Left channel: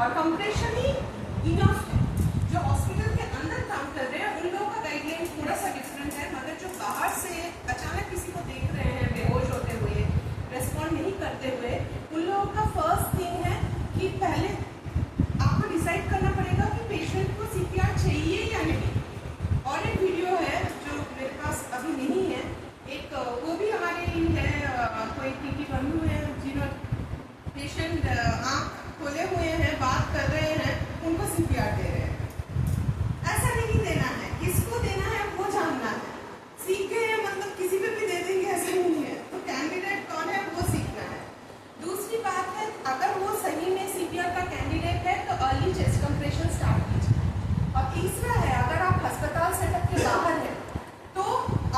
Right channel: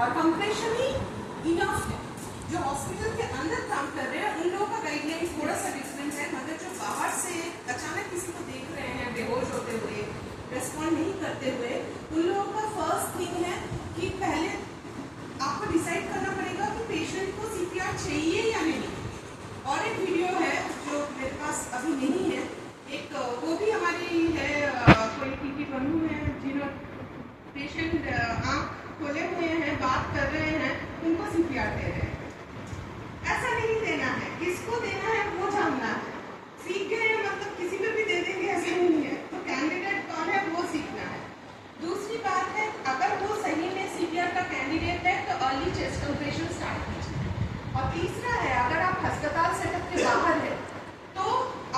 और कंप्रेशन ही इनफ है। जो हॉस्पिटल के अंदर काम कर रहे हैं उन लोगों का गाइडलाइन थोड़ा सा डिफरेंट है, मगर जो बाहर से अचानक किसी को देख रहे हैं बेहोश होते हुए, रेस्पॉन्ड नहीं करते हुए, उन लोगों का फर्स्ट थिंग है कि पहले आपको डिसाइड करना पड़ेगा कि पेशेंट को सीपीआर चाहिए या नहीं। और एक वीडियो है जो मेरे पास अभी नहीं है, एक वो भी हमारे ही है, कोई टीटी बंधु है जिन्होंने पेशेंट आँख खोले हुए हैं, बात कर रहे हैं, उनको सीपीआर दे रहे हैं। ऐसा नहीं देना है, किसको देना है वो जानना है। सीख गए हैं मतलब किसी पे भी दे देंगे ऐसा नहीं है, तो कैंडिडेट कौन है वो सीखना है। दूसरी बात है, अगर वो सही में सीपीआर का कैंडिडेट है तो अर्ली चेस्ट कंप्रेशन स्टार्ट कीजिए। और तीसरा है, अगर आप अस्पताल सेटअप के बाहर है तो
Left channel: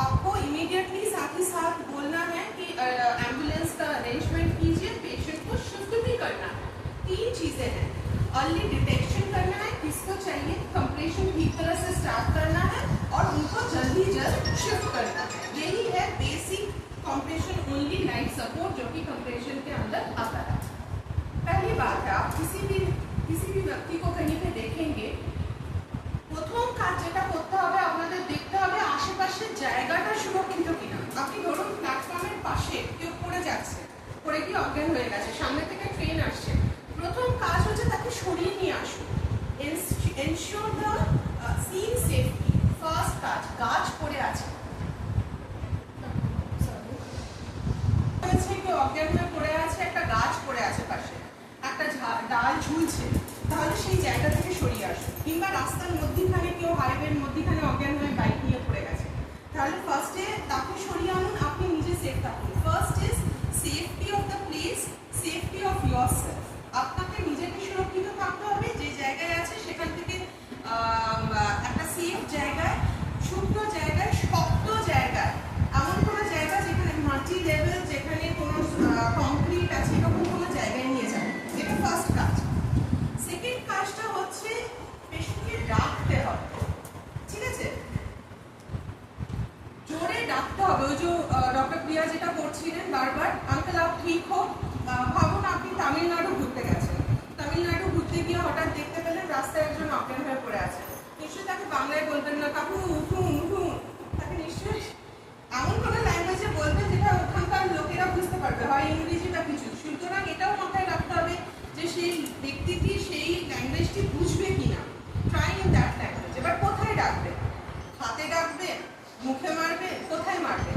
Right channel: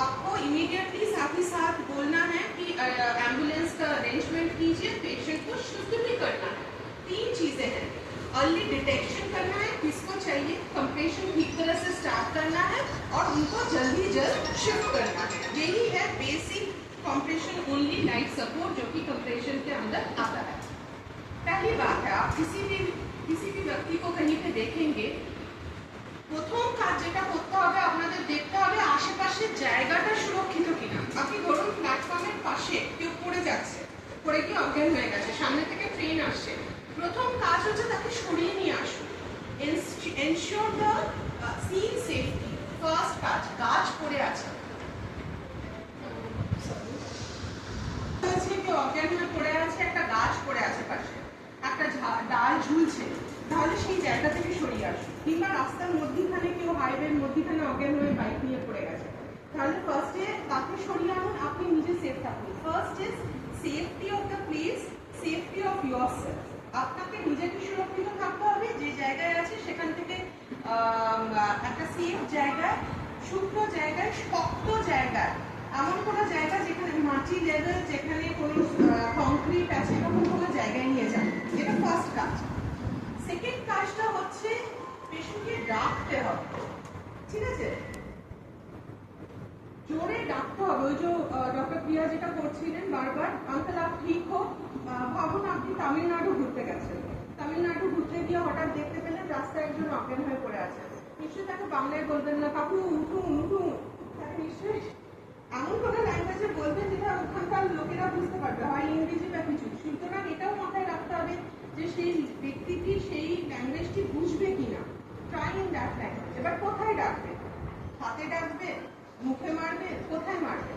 आपको इमीडिएटली साथ ही साथ बोलना है कि एम्बुलेंस का अरेंजमेंट कीजिए, पेशेंट को शिफ्ट भी करना है। 3 चीजें हैं, अर्ली डिटेक्शन करना है किसको चाहिए, कंप्रेशन ठीक तरह से स्टार्ट करना है और उनको जल्दी शिफ्ट करना है। यही है basic compression only life support जो कि कंप्रेशन के अंदर आता है। पहली बात है, आप किसी भी व्यक्ति को कहीं पे देखेंगे, প্রথম কাজ যেটা করতে হবে আপনাদের দেখতে হবে আশেপাশের জায়গাটা সুরক্ষিত কিনা। আপনি ধরুন প্ল্যাটফর্মের পাশে কেউ পড়ে যাচ্ছে, পড়ে কি অজ্ঞান হয়ে গেছে, সামনে থেকে ট্রেন আসছে, প্রথম কাজ হচ্ছে তাকে সরিয়ে নিয়ে আসুন। Ensure the scene safety, first কাজ। গাছ পড়ে আছে, কেউ অজ্ঞান হয়ে পড়ে আছে, একটা গাছ পড়ে আছে পাশে, একটা ডাল ঝুলছে, তাহলে সেই জায়গা থেকে সরিয়ে আসুন। কিংবা রাস্তার মধ্যখানে কেউ হাইওয়ের মধ্যখানে অজ্ঞান হয়ে বাইক নিয়ে পড়ে গেছে, তাহলে ফার্স্টে তাকে সরিয়ে আনুন, আপনি নিজে সেফ থাকুন। First is safety of the place, safety of yourself. আপনাকে নিজেকে সুরক্ষিত থাকতে হবে, যে জায়গায় আছে সেখান থেকে একটা সেফ জায়গায়, শুকনো জায়গায়, শক্ত জায়গায়, এমন কোনো জায়গা যেখানে মাটি লেভেল, যেখানে কোনো কংক্রিট আছে, এরকম কোনো জায়গায় নিয়ে যাবেন। এটা ফার্স্ট কাজ। সেকেন্ড কাজটা হচ্ছে পেশেন্টকে ডাকতে হবে, ঠিক আছে, জোরে ডাকতে হবে। ওই যে ডক্টর প্রিয়া যেটা করছিলেন বারবার, আঙ্কেল আপ ঠিক হোক। ভাবুন আপনি তামিলনাড়ু ঘুরতে গেছেন, তামিলনাড়ু ঘুরতে গিয়ে হঠাৎ দেখতে পেলেন রাস্তায় একজন অজ্ঞান হয়ে পড়ে আছে, নিশ্চয়ই তাকে বাংলায় বলবেন না কাকু উঠুন উঠুন, তাকে নিশ্চয়ই এমন কোনো ল্যাঙ্গুয়েজে বলবেন যেটা ওখানকার লোকেরা বুঝতে পারবে, হয় ইংরেজি বা কিছু। সুতরাং এটাও মাথায় রাখতে হবে যে সেই ব্যক্তিটি সেই ল্যাঙ্গুয়েজটি বুঝবে কিনা। Try in that language. এবার কোথায় ডাকবে, হাতে ডাকবে, মুখে মারবে, কোথায় মারবে?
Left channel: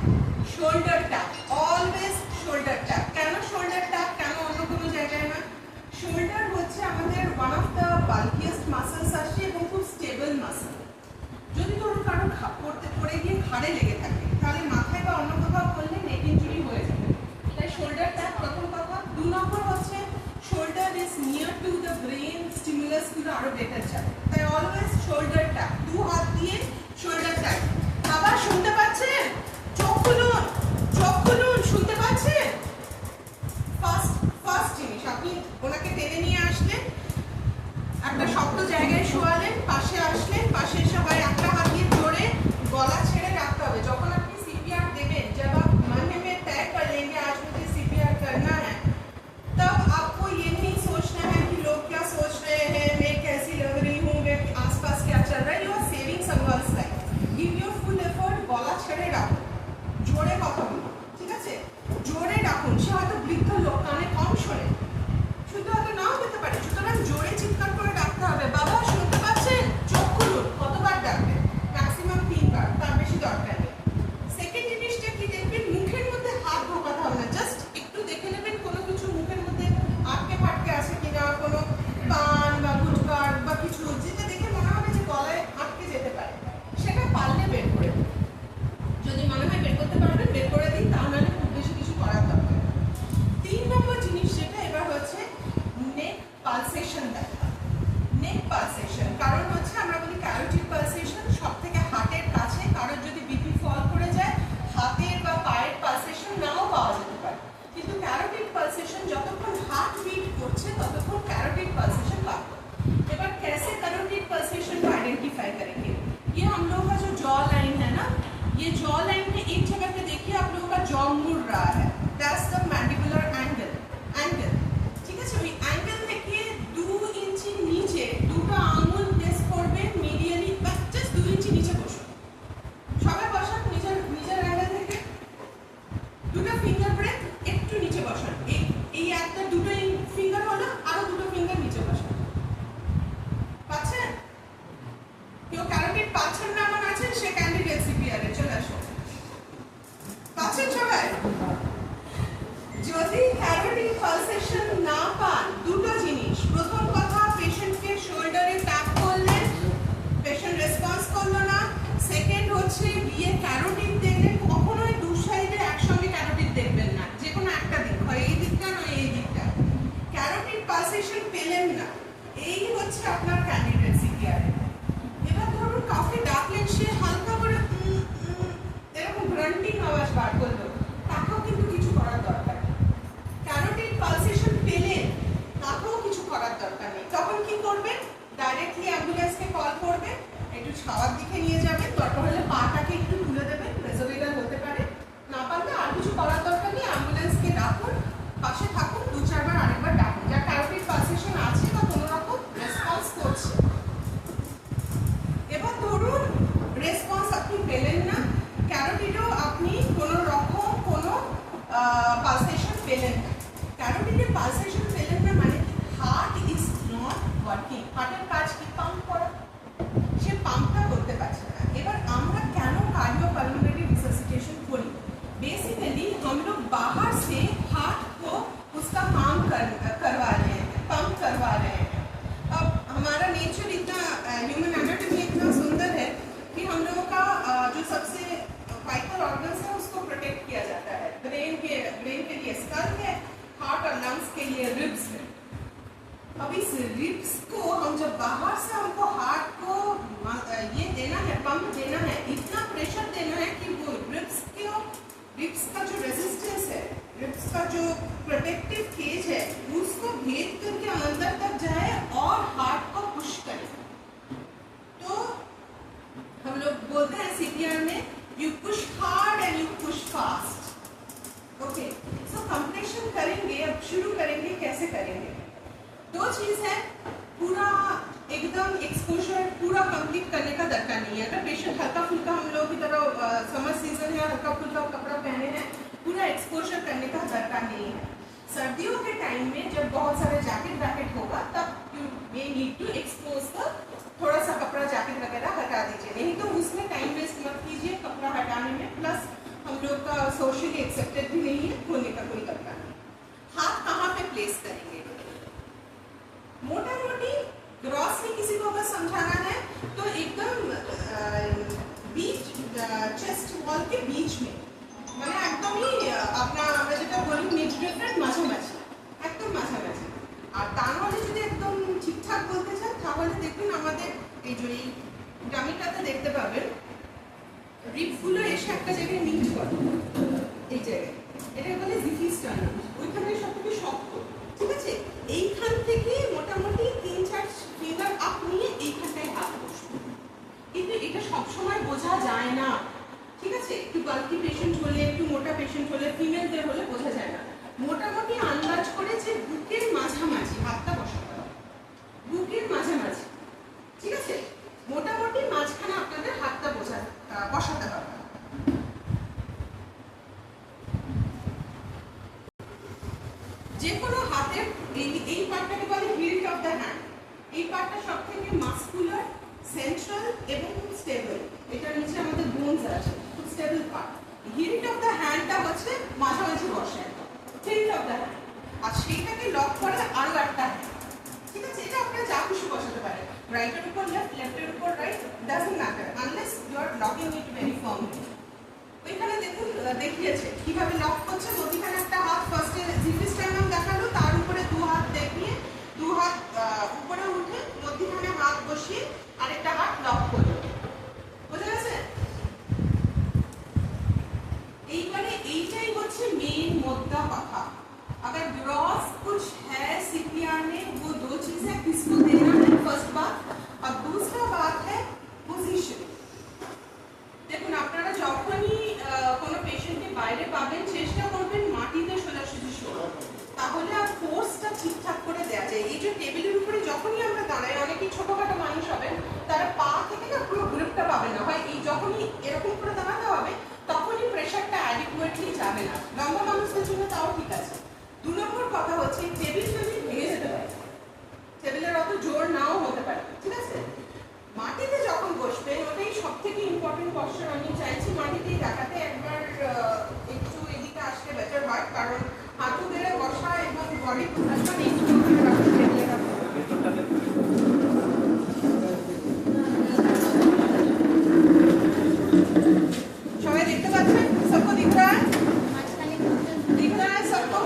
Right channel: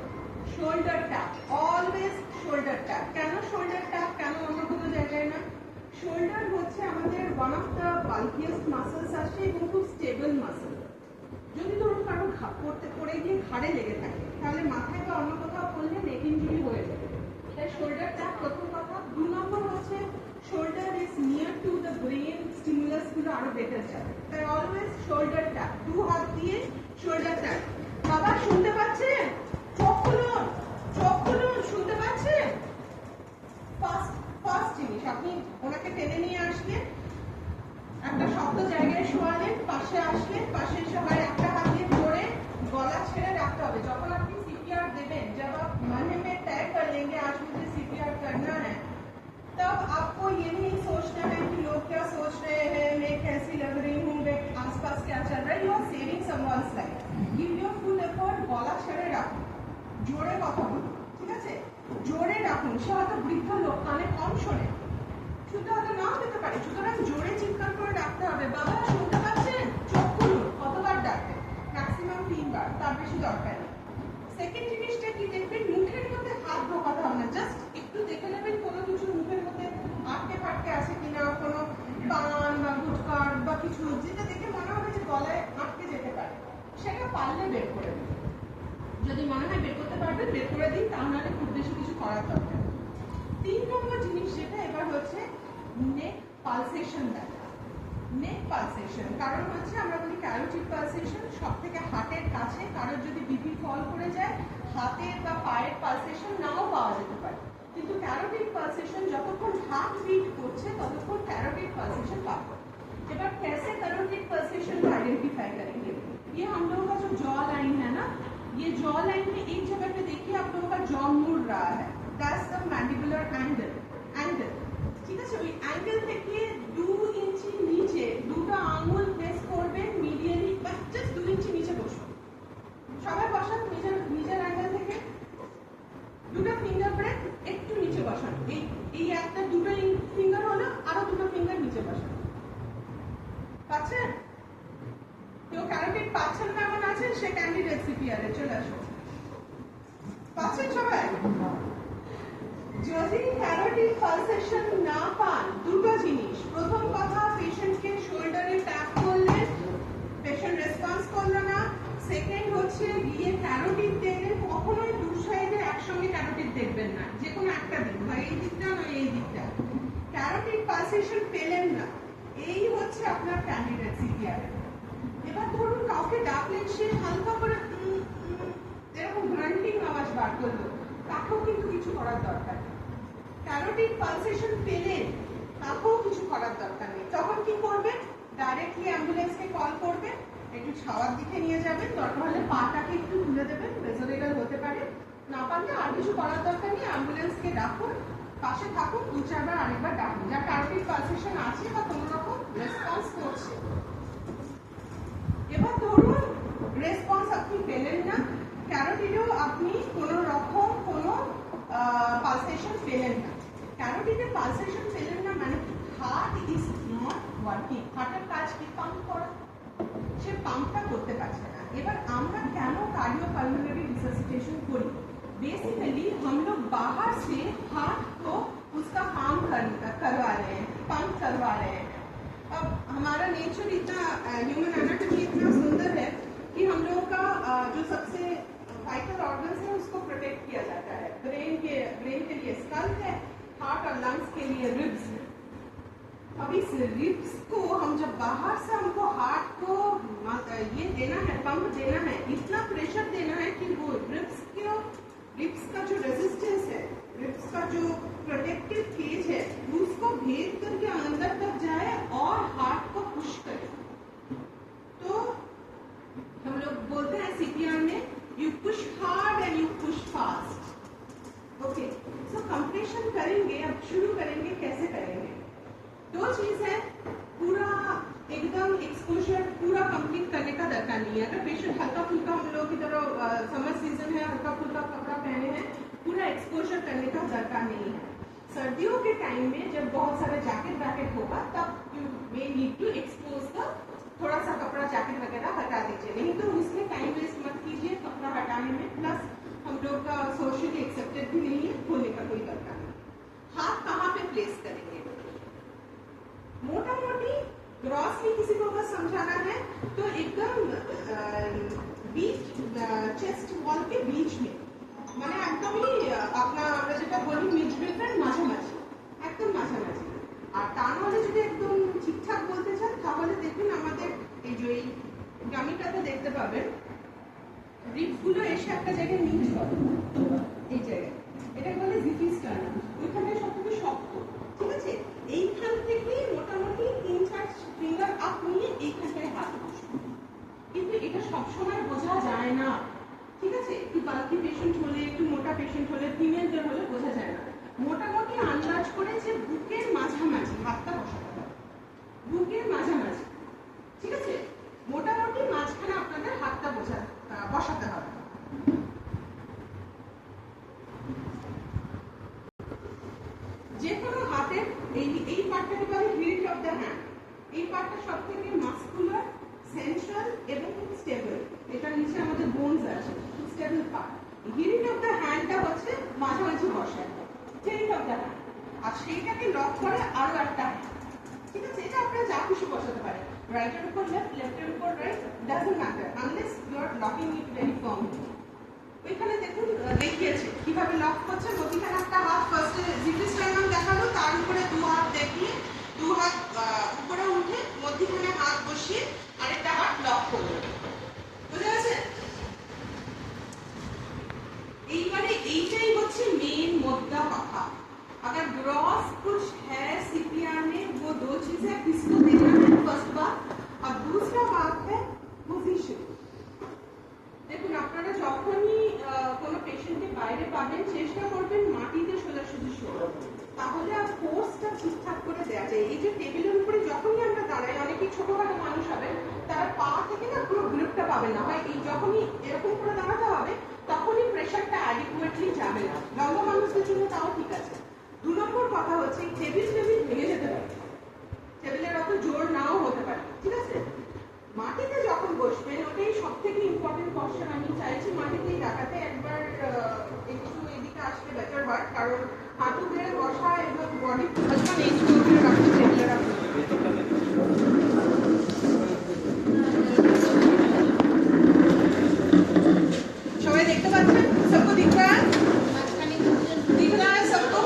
Shoulder tap, always shoulder tap. কেন শোল্ডার ট্যাপ, কেন অন্য কোনো জায়গায় না? শোল্ডার হচ্ছে আমাদের ওয়ান অফ দ্য বাল্কিয়েস্ট মাসেলস আছে এবং খুব স্টেবল মাসেল। যদি ধরুন কারো পড়ে গিয়ে ঘাড়ে লেগে থাকে, তাহলে মাথায় বা অন্য কোথাও করলে নেক ইনজুরি হয়ে যাবে। তাই শোল্ডার ট্যাপ প্রথম কথা। 2 নম্বর হচ্ছে shoulder is near to the brain, stimulus গুলো আরো বেটার যাবে। তাই অলওয়েজ শোল্ডার ট্যাপ, 2 হাত দিয়ে শোল্ডার ট্যাপ। বাবা শুনতে পাচ্ছেন? চোখ খুলুন, চোখ খুলুন, শুনতে পাচ্ছেন? ফার্স্ট জিনিস, আপনি ওনাকে টেনে নিয়ে আসলেন, একটা শক্ত জায়গায় শোয়ালেন, পাশে আসলেন, পাশে সবাই একটা হাত দিয়ে ধরে গলা ছেড়ে রাখতে হবে। যখন আপনি सीपीआर देवें, जब आप मन में तय कर लेंगे आज मुझे सीपीआर करना है, तब आपको ये नहीं सोचना है कि लोग क्या सोच रहे हैं, मैं कैसी लग रही हूँ, मैं आसपास क्या चल रहा है। You are saving someone's life. Give your full effort. গলা ছেড়ে রাখুন, জোরে কথা বলুন, ঠিক আছে, জোরে রাখুন। সে হয়তো বৃদ্ধ লোক, কানে কম শোনে, শুধু হয়তো নাও পেতে পারে, সুতরাং জোরে চিৎকার করে ডাকতে হবে, বাবা শুনতে পাচ্ছেন? চোখ খুলুন। কতবার ডাকবেন? ম্যাক্সিমাম 3 বার, তার বেশি দরকার নেই। সেকেন্ড জিনিসটা কি দেখবেন, মুখের মধ্যে হাত ঢোকাতে হবে না, জাস্ট একটু দেখে নেবেন কোনো কিছু মুখের মধ্যে আটকে ফাটকে আছে কিনা, কোনো পান বা গুটকা বা কিছু, যেটা দেখে মনে হবে যে গলায় আটকে যেতে পারে, সেটা পারলে বের করে দিন। যদি মনে হয় বের করতে পারবেন বের করে দিন, তাহলে খুব বেশি কিছু করার দরকার। 3 নম্বর জিনিস যেটা এবার হচ্ছে নেক পালসেশন দেখা। নেক পালসেশন কারণ হচ্ছে আমরা বলি ক্যারোটিড পালসেশন, সব থেকে হার্টের কাছে। কারোর যদি বিপি ফল করে যায়, হাতের বা পায়ের পালসেশন নাও পাওয়া যেতে পারে, কিন্তু ক্যারোটিড পালসেশন যতক্ষণ हार्ट बीट করছে ততক্ষণ कैरोटिड पल्सेशन पाते। এবার कैसे कैरोटिड पल्सेशन को आइडेंटिफाई करेंगे? ये हम लोगों का जो जॉ लाइन है ना, ये जॉ लाइन में एक जगह पे देखिए आप लोगों का जॉ मुड़ रहा है, दैट्स द मैंडिबुलर एंगल। ठीक है, वही एंगल देखिए 2 इंच পালসেশন পেলেন না, এই হচ্ছে আপনার ক্যান্ডিডেট সিপিআর। এবার ধরুন কাউকে ডাকলেন, সে হালকা করে এরকম গ্রান্টিং আওয়াজ বার করলো, তাকেও কিন্তু কিছু করার দরকার নেই। ক্যারোটিড পালসেশন পেলেন, তাকেও কিছু করার দরকার নেই। তখন কি করবেন? ডাইরেক্টলি অ্যাম্বুলেন্সকে কল করবেন, একটু ছাওয়ার দিকে নিয়ে যাবেন, দরকার হলে পাটাকে একটু তুলে দেবেন, রেজোভেগাল হতে পারে। না পারলে আর কিছু করার দরকার নেই, অ্যাম্বুলেন্সকে ডাকুন, পাশে থাকুন, 2-4 বার আরেকবার ডাকুন, যা ক্যারোটিড পালসেশন আছে বা কোনো রকম রেসপন্স করছে। এবার ধরুন রেসপন্স আপনি পেলেন না, ক্যারোটিডেও আপনি কোনো রকম কোনো পালসেশন পেলেন না। ক্যারোটিডে পালসেশন পেলেন না মানে হার্ট ইজ নট ওয়ার্কিং। হার্টের কাজ কি? পাম্প করা, সে পাম্পটা করতে পারছে না। এবার আমরা কেন कार्डियोपल्मोनरी रिससिटेशन करी? बेसिकली हम लोग बाहर से हार्ट को उसका काम करवा रहे हैं, पंप करवा रहे हैं। अब हमारा नेचर इतना, ह्यूमन एनाटॉमी इतना सुंदर है कि हम लोगों का जो सबसे वाइटल ऑर्गन्स है उसको प्रोटेक्ट किया जाता है। ब्रेन के लिए स्कल है, हार्ट और लंग्स के लिए रिब्स है। अब इस रिब्स को हम जब बाहर से हमको हार्ट को ये देना है, पंप देना है, इतना प्रेशर देना है कि वो रिब्स का जो रेजिस्टेंस है, रिब्स का जो प्रोटेक्टिव केज है, उसको भेद करके अंदर तक जाए और हार्ट को पुश करे। तो हम लोग बोलते हैं सीपीआर में, you push hard and you push fast. Okay, so compression करेंगे। अब शुरू करेंगे, कैसे करेंगे? 2 चीज है, पूरा एकदम एक्सपोजर पूरा कंप्लीट करने का दरकार नहीं है। अगर पेशेंट हल्का फुल्का, हम लोग की तरह समर सीजन है, हल्का फुल्का कपड़ा पहने हैं, पूरा एक्सपोजर करने का दरकार नहीं है। सर्दियों के टाइम में जब बहुत सारा जैकेट होगा, तब you may need to expose the, थोड़ा सा कपड़ा जैकेट वगैरह हटा दीजिए, नहीं तो उसमें टाइम वेस्ट मत कीजिए कपड़ा हटाने में। प्लस हम लोग का सोशली एक्सेप्टेड भी नहीं है, होने का कोई दरकार नहीं। हाथ कहाँ पे प्लेस करेंगे? मोटा मोटी ग्रॉसली किसी को अगर समझाना है तो एकदम बीच, चेस्ट वॉल के बीच में, মানে একদমই আপনার আমরা যেটা বলি মিড ডিফারেন্ট, মাঝামাঝি, একদম মাঝামাঝি। আর তা নাহলে যদি একদম ঠিকঠাক বলতে চান তাহলে দেখবেন আমাদের এই যে এই ডামিটাতে দেখতে পাবেন রিবগুলো এসে একটা জায়গায় মিট করে, এই জায়গায়, এটা বলে জিফি স্টার্নাম, ওইখানটায় সবথেকে শক্ত। ঠিক আছে, এইখান থেকে মোটামুটি 3-4 ফিঙ্গার আপ নিয়ে এইখানটায় হাত বসবে। কিন্তু এটা সবসময় বোঝা যায় না। ঠিক আছে, একটু বাল্কি পেশেন্ট হলে, একটু মোটা পেশেন্ট হলে, ফিমেলদের হলে বোঝা যায় না। মোটামুটি আন্দাজ করে যে বুকের মাঝামাঝি হাতটা বসাতে হবে, বুকের মাঝামাঝি। ঠিক আছে, মোটামুটি মাঝখানে আপনাদের হাতটা বসাতে হবে। যে কোনো হাতের এই পার্টটাকে বলে হিল্ট অফ দ্য হ্যান্ড। এই পার্টটা সবথেকে মাসকুলার, সেন্ট্রাল এবং স্টেবল। এটার নিচে আমাদের বোনস আছে, stable part. Hilt of the হ্যান্ডটা হচ্ছে মাঝামাঝি বসায়, হিল্ট অফ দ্য হ্যান্ড। আর সেইটাকে লক করে আরো একটা হ্যান্ড। ঠিক আছে, এটা আপনারা যা খুশি বসাতে পারেন, রাইটের উপর লেফট, লেফটের উপর right, doesn't matter unless you are locking it very firmly. ওইখানে দেখুন দেখিয়েছে কিভাবে লক করছে। মধ্যখানে একটা হাত ফার্স্টে জিফি স্টার্নাম দেখালো, তার উপরে 2 হাত দেখিয়ে 2 হাত উপরে উঠে মধ্যখানে হাত বসিয়ে আরেকটা হাত লক করলো। বুঝে গেছে? এইবারে এইটাই হচ্ছে মেন मुद्दा কথা। अगर ग्रॉस कुछ है सीपीआर में, वो 2 चीजें किसको देना है, फर्स्ट बात। अब दूसरा बात है पोजीशन। দেখুন আপনারা যখনই কোনো পেশেন্টকে বাইরে পাবেন, চেষ্টা করবেন মাটিতে সোজাসুজি শোয়ার, তাহলে আর ফোর্সটা ঠিকঠাক করে দেওয়া যায়। এই যে টেবিলের উপরে যখনই আমরা দাঁড়াই, অনেকেই ছোটখাটো মানুষ হবেন, তারা পা থেকে না পুরো গ্রিপটা পাবে না, হয় এই যখনই এরকম করে দাঁড়াতে হবে তখনই প্রেশারটা অ্যাডিকুয়েটলি যাবে না। লম্বা মানুষদের জন্য তাও ঠিক আছে। 2 নম্বর কথা হচ্ছে টেবিল ভেঙে যেতে পারে, টেবিলের অত জোর নাও হতে পারে। ঠিক আছে, মাটিতে যখন বসবেন ওটাই সবথেকে ইম্পর্টেন্ট পশ্চার। আমি চাইছি মাটিতেই দেখাতে, একবার একটু এদিকে আসলে বেটার হয়, কারণ হাঁটু বেড়ে বসা এবং বডি পজিশন এইভাবে রাখতে চেষ্টা রাখতে। সবাই দেখতে পাচ্ছেন? সবকো দিখ रहा है? दिख रहा है सबको?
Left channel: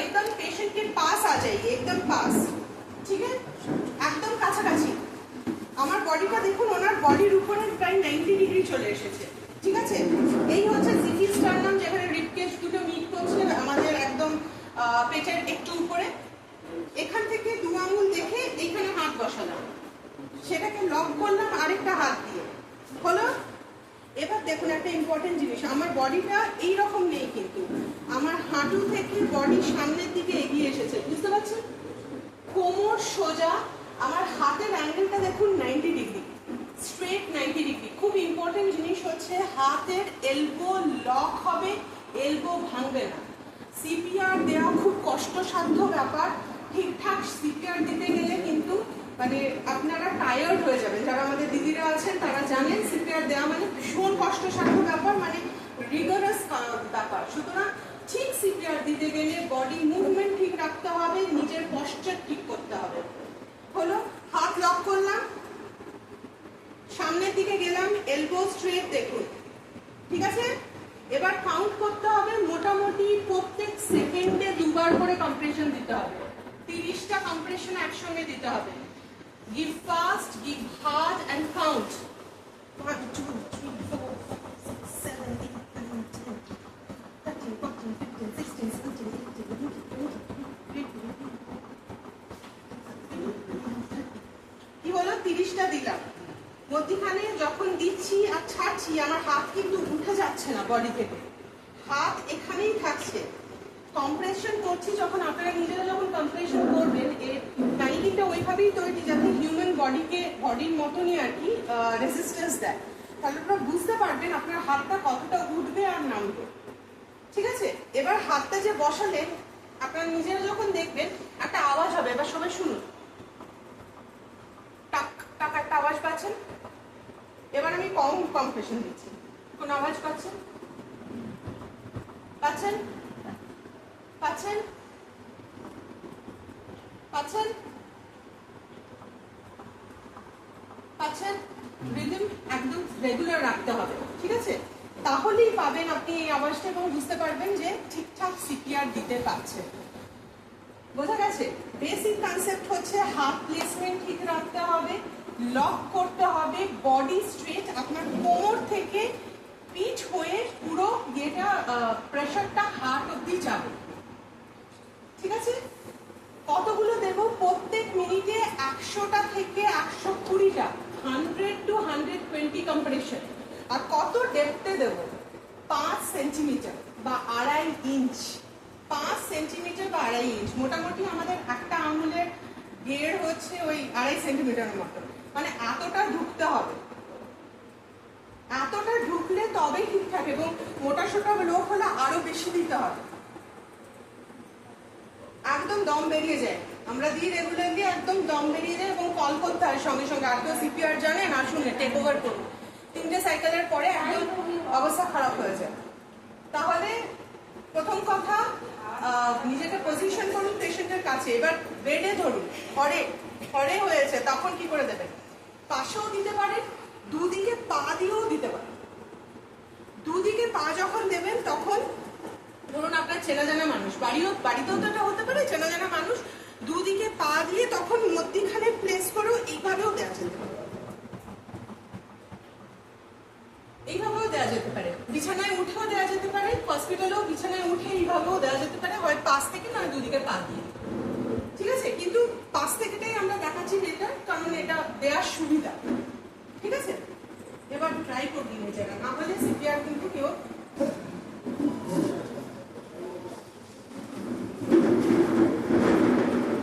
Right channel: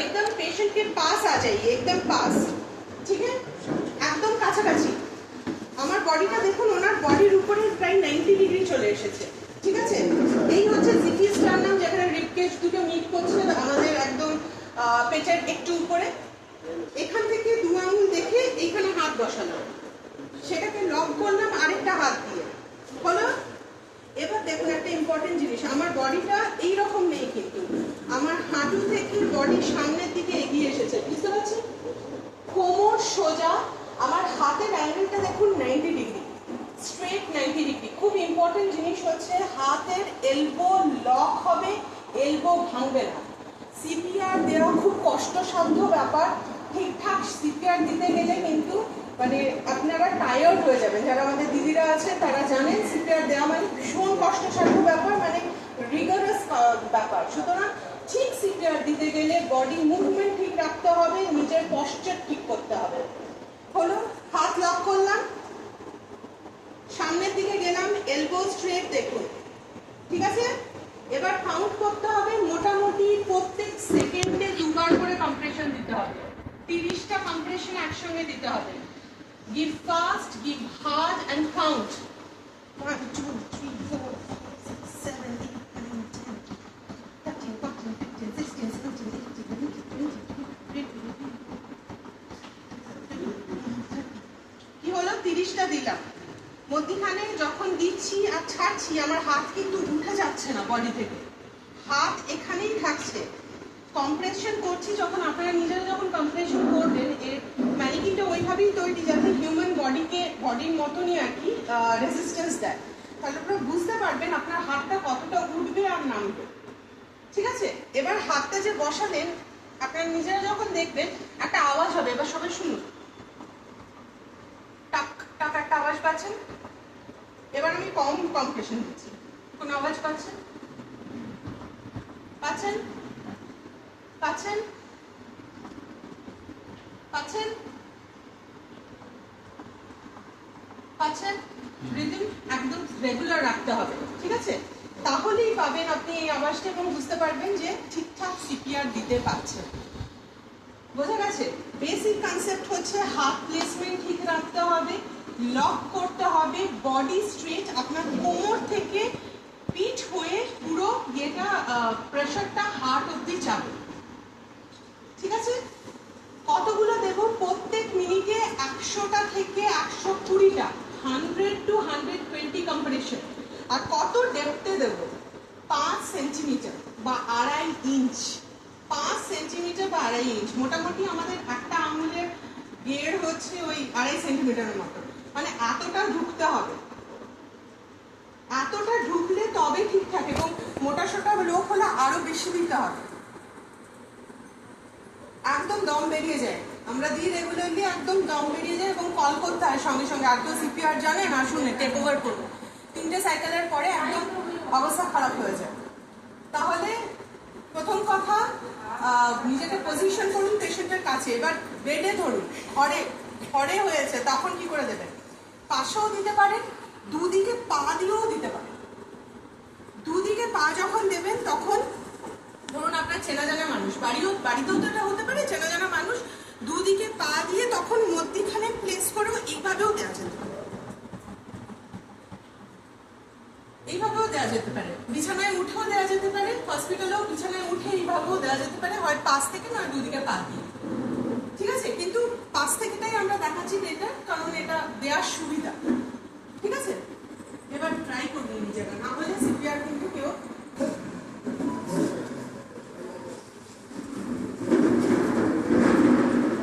एकदम पेशेंट के पास आ जाइए, एकदम पास, ठीक है, একদম কাছাকাছি। আমার বডিটা দেখুন, ওনার বডির উপরে প্রায় 90 ডিগ্রি চলে এসেছে, ঠিক আছে। এই হচ্ছে জিকি স্টারনাম, যেখানে রিবকেজ দুটো মিট করছে আমাদের একদম পেটের একটু উপরে। এখান থেকে 2 আঙ্গুল দেখে এইখানে হাত বসালাম, সেটাকে লক করলাম আরেকটা হাত দিয়ে, হলো। এবার দেখুন একটা ইম্পর্টেন্ট জিনিস, আমার বডিটা এইরকম নেই, কিন্তু আমার হাঁটু থেকে বডি সামনের দিকে এগিয়ে এসেছে, বুঝতে পারছেন? কোমর সোজা, আমার হাতের অ্যাঙ্গেলটা দেখুন 90 ডিগ্রি, স্ট্রেট 90 ডিগ্রি। খুব ইম্পর্টেন্ট জিনিস হচ্ছে হাতের এলবো লক হবে, এলবো ভাঙবে না। সিপিআর দেওয়া খুব কষ্টসাধ্য ব্যাপার, ঠিকঠাক সিপিআর দিতে গেলে কিন্তু মানে আপনারা টায়ার্ড হয়ে যাবেন। যারা আমাদের দিদিরা আছেন তারা জানেন সিপিআর দেওয়া মানে ভীষণ কষ্টসাধ্য ব্যাপার, মানে রিগারাস ব্যাপার। সুতরাং ঠিক সিপিআর দিতে গেলে বডি মুভমেন্ট ঠিক রাখতে হবে, নিজের পশ্চার ঠিক করতে হবে, হলো। হাত লক করলাম, সামনের দিকে গেলাম, এলবো স্ট্রেট দেখুন, ঠিক আছে। এবার কাউন্ট করতে হবে, মোটামুটি প্রত্যেক সেকেন্ডে 2 বার করে কম্প্রেশন দিতে হবে, 30টা কম্প্রেশন একসঙ্গে দিতে হবে। Give fast, give hard and count. 1, 2, 3, 4, 5, 6, 7, 8, 9, 10, 13, 14, 15, 16, 17, 18, 19, 20, 21, কি হলো? 30টা দিলাম। মধ্যখানে যখন দিচ্ছি আর ছাড়ছি আমার হাত কিন্তু উঠে যাচ্ছে না বডি থেকে, হাত এখানেই থাকছে। কম্প্রেশন করছি যখন, আপনারা নিজেরা যখন কম্প্রেশন করবেন, এর ম্যানিকিনটা ওইভাবেই তৈরি যাতে হিউম্যান বডির মতনই আর কি রেজিস্ট্যান্স দেয়। তাহলে আপনারা বুঝতে পারবেন আপনার হাতটা কতটা উঠবে আর নামবে, ঠিক আছে। এবার হাতটা যে বসালেন আপনারা নিজেরা যখন দেখবেন একটা আওয়াজ হবে, এবার সবাই শুনুন, টাক টাক একটা আওয়াজ পাচ্ছেন। এবার আমি কম কম্প্রেশন দিচ্ছি, কোন আওয়াজ পাচ্ছেন? পাচ্ছেন? পাচ্ছেন? পাচ্ছেন? পাচ্ছেন? রিদম একদম রেগুলার রাখতে হবে, ঠিক আছে। তাহলেই পাবেন আপনি এই আওয়াজটা এবং বুঝতে পারবেন যে ঠিকঠাক সিপিআর দিতে পারছেন। বোঝা গেছে? বেসিক কনসেপ্ট হচ্ছে হাত প্লেসমেন্ট ঠিক রাখতে হবে, লক করতে হবে, বডি স্ট্রেট, আপনার কোমর থেকে পিঠ হয়ে পুরো যেটা প্রেশারটা হার্ট অব্দি যাবে, ঠিক আছে। কতগুলো দেব? প্রত্যেক মিনিটে 100টা থেকে 120টা, 100 to 120 কম্প্রেশন। আর কত ডেপথে দেব? 5 সেন্টিমিটার বা 2.5 ইঞ্চ। 5 সেন্টিমিটার বা 2.5 ইঞ্চ, মোটামুটি আমাদের একটা আঙুলের গেড় হচ্ছে ওই 2.5 সেন্টিমিটারের মতো, মানে এতটা ঢুকতে হবে। এতটা ঢুকলে তবে ঠিকঠাক, এবং মোটা সোটা লোক হলে আরো বেশি দিতে হবে, একদম দম বেরিয়ে যায়। আমরা দিই রেগুলারলি, একদম দম বেরিয়ে যায় এবং কল করতে হয় সঙ্গে সঙ্গে। আর কেউ সিপিআর জানে না, শুনে টেক ওভার করবো, 3টে সাইকেলের পরে একদম অবস্থা খারাপ হয়ে যায়। তাহলে প্রথম কথা, নিজেকে পজিশন করুন পেশেন্টের কাছে। এবার বেডে ধরুন, হরে হয়েছে, তখন কি করে দেবেন? পাশেও দিতে পারেন, দুদিকে পা দিয়েও দিতে পারেন। দুদিকে পা যখন দেবেন তখন ধরুন আপনার চেনা জানা মানুষ, বাড়িতেও তো এটা হতে পারে, চেনা জানা মানুষ, দুদিকে পা দিয়ে তখন মধ্যখানে প্লেস করেও এইভাবেও দেওয়া যেতে পারে, এইভাবেও দেওয়া যেতে পারে। বিছানায় উঠেও দেওয়া যেতে পারে, হসপিটালেও বিছানায় উঠে এইভাবেও দেওয়া যেতে পারে, হয় পাশ থেকে নয় দুদিকে পা দিয়ে, ঠিক আছে। কিন্তু পাশ থেকেটাই আমরা দেখাচ্ছি বেটার, কারণ এটা দেওয়ার সুবিধা, ঠিক আছে। এবার ট্রাই করবি নিজেরা, না হলে সিপিআর কিন্তু কেউ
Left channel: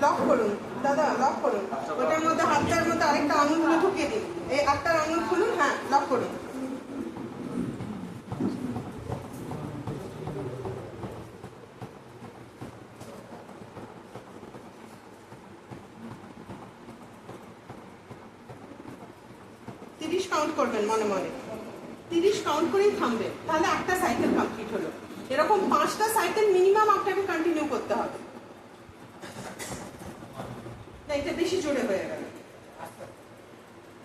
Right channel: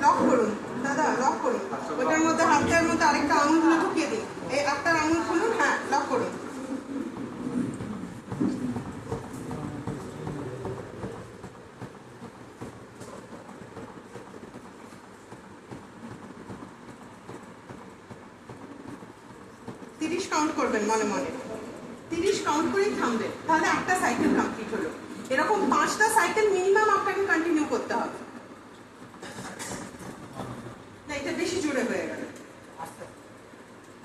লক করুন, দাদা লক করুন, ওটার মধ্যে হাতটার মধ্যে আরেকটা আঙুলগুলো ঢুকিয়ে দিন, এই আটটার আঙুল খুলুন, হ্যাঁ লক করুন। কাউন্ট করবেন মনে মনে, 30 কাউন্ট করেই থামবেন, তাহলে একটা সাইকেল কমপ্লিট হলো। এরকম 5টা সাইকেল মিনিমাম আপনাকে কন্টিনিউ করতে হবে। না, এটা বেশি জোরে হয়ে গেল।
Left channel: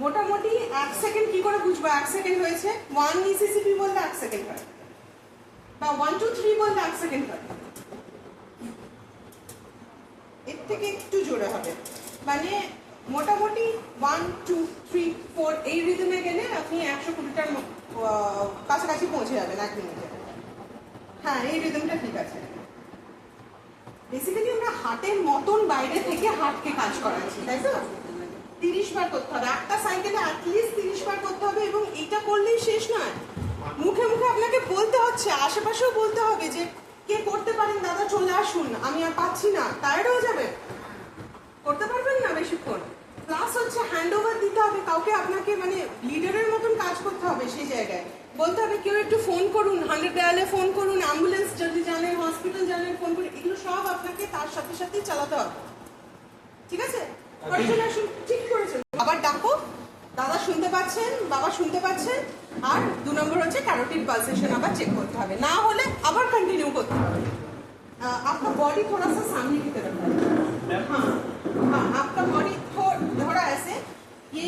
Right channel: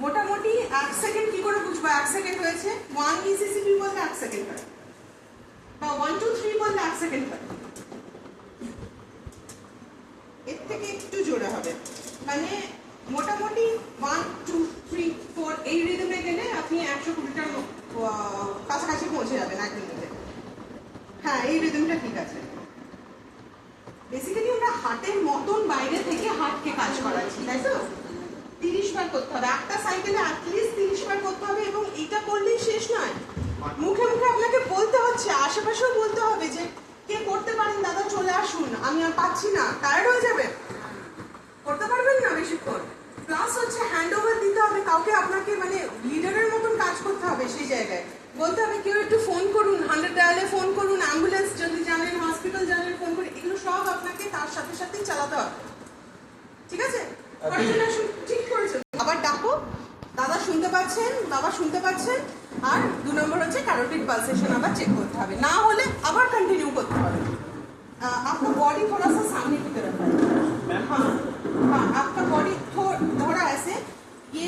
মোটামুটি 1 সেকেন্ড কি করে বুঝবো 1 সেকেন্ড হয়েছে? 1 মিসিসিপি বলতে 1 সেকেন্ড হয়, বা 1 2 3 বলতে 1 সেকেন্ড হয়। থেকে একটু জোরে হবে, মানে মোটামুটি 1 2 3 4 এই রিদমে গেলে আপনি 120টার কাছাকাছি পৌঁছে যাবেন 1 মিনিটে। হ্যাঁ, এই রিদমটা ঠিক আছে। বেসিক্যালি আমরা হার্টের মতন বাইরে থেকে হার্টকে কাজ করাচ্ছি, তাই তো? 30 বার করতে হবে, একটা সাইকেলে অ্যাটলিস্ট 30 বার করতে হবে। এবং এটা করলেই শেষ নয়, মুখে মুখে আপনাকে বলতে হচ্ছে, আশেপাশেও বলতে হবে যে কে করতে পারেন দাদা চলে আসুন, আমি আর পাচ্ছি না। টায়ার্ড হয়ে যাবে, করতে পারবেন না বেশিক্ষণ। প্লাস হচ্ছে হ্যান্ড ওভার দিতে হবে কাউকে, আপনাকে মানে লিডারের মতন কাজ করতে হবে। সেই জায়গায় বলতে হবে কেউ একটু ফোন করুন, 100 ডায়ালে ফোন করুন, অ্যাম্বুলেন্স যদি জানেন, হসপিটাল জানেন ফোন করে, এগুলো সব আপনাকে তার সাথে সাথেই চালাতে হবে। ঠিক আছে? ঠিক করেছে। আবার ডাকো, দাদা শুনতে পাচ্ছেন, বাবা শুনতে পাচ্ছেন। আর 2 নম্বর হচ্ছে ক্যারোটিড পালসেশন আবার চেক করতে হবে, না হলে আবার কন্টিনিউ করতে হবে। आपका बॉडी थोड़ा सा सामने की तरफ है। हाँ हाँ, आपका बॉडी थोड़ा ऐसे, ये